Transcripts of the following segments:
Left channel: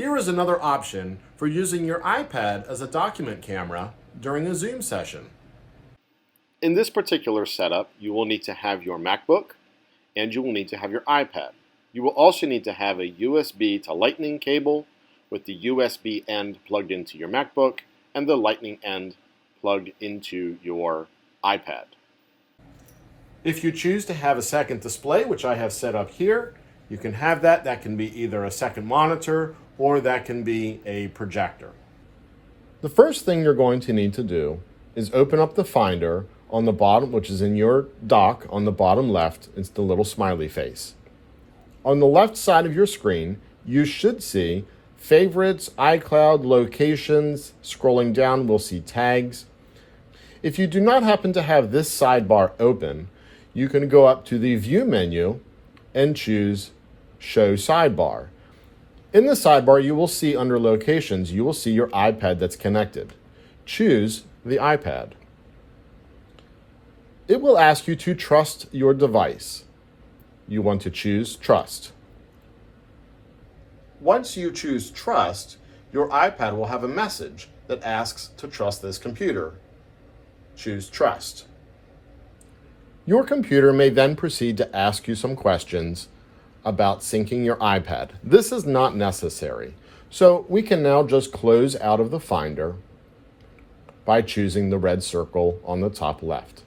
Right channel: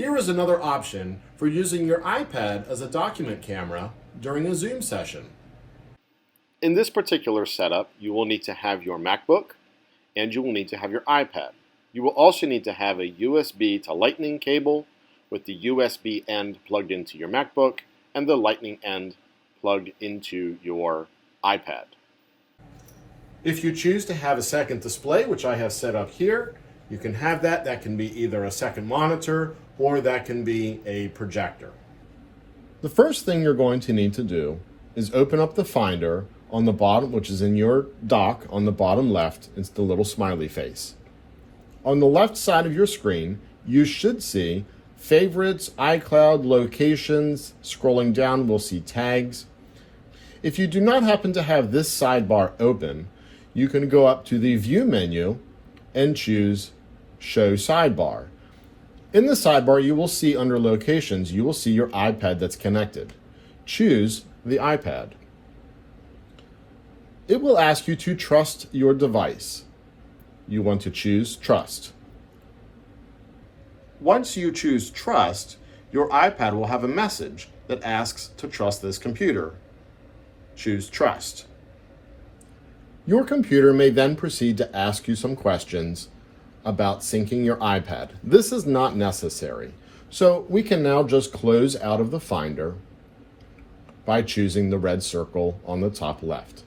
Here is another option for using your iPad as a document camera during a Zoom session. In this particular setup, you will need to have your MacBook and you will need to have your iPad. You will also need to have a USB to Lightning cable with the USB end plugged into your MacBook and the Lightning end plugged into your iPad. If you choose to have a second display, which I have set up here, you can have that. That can be either a second monitor or that can be a projector. The first thing you're going to need to do is open up the Finder on the bottom, which is in your dock on the bottom left. It's the little smiley face. On the left side of your screen, you should see Favorites, iCloud, Locations. Scrolling down, we'll see Tags. If you do not happen to have this sidebar open, you can go up to the View menu and choose Show Sidebar. In the sidebar, you will see under Locations, you will see your iPad that's connected. Choose the iPad. It will ask you to trust your device. You want to choose Trust. Once you choose Trust, your iPad will have a message that asks to trust this computer. Choose Trust. Your computer may then proceed to ask you some questions about syncing your iPad. This is not necessary, so we can now just close out of the Finder by choosing the red circle on the top left.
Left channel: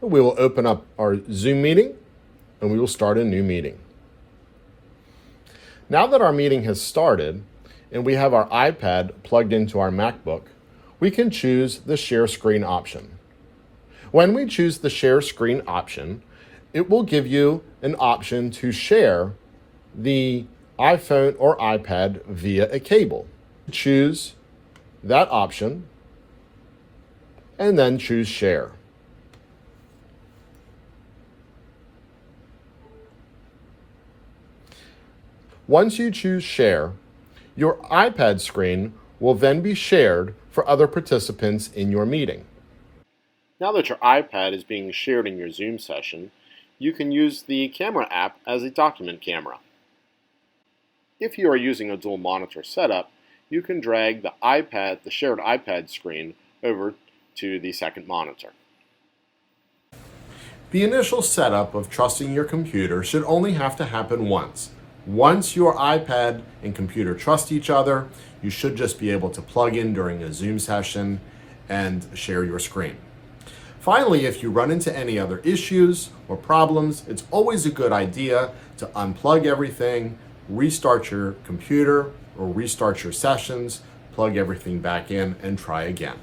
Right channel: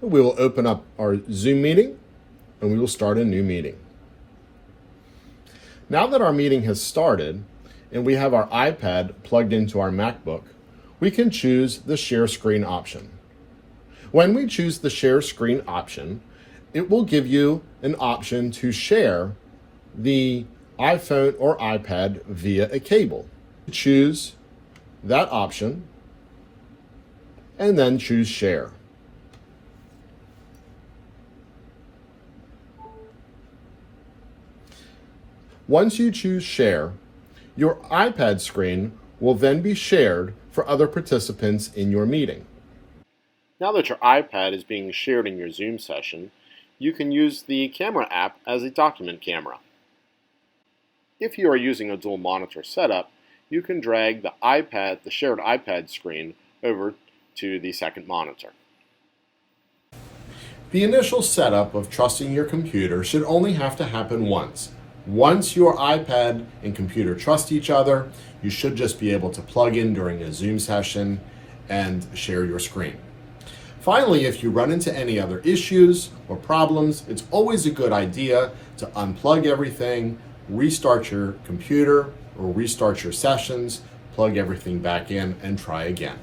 We will open up our Zoom meeting and we will start a new meeting. Now that our meeting has started and we have our iPad plugged into our MacBook, we can choose the share screen option. When we choose the share screen option, it will give you an option to share the iPhone or iPad via a cable. Choose that option and then choose Share. Once you choose Share, your iPad screen will then be shared for other participants in your meeting. Now that your iPad is being shared in your Zoom session, you can use the camera app as a document camera. If you are using a dual monitor setup, you can drag the shared iPad screen over to the second monitor. The initial setup of trusting your computer should only have to happen once. Once your iPad and computer trust each other, you should just be able to plug in during a Zoom session and share your screen. Finally, if you run into any other issues or problems, it's always a good idea to unplug everything, restart your computer or restart your sessions, plug everything back in, and try again.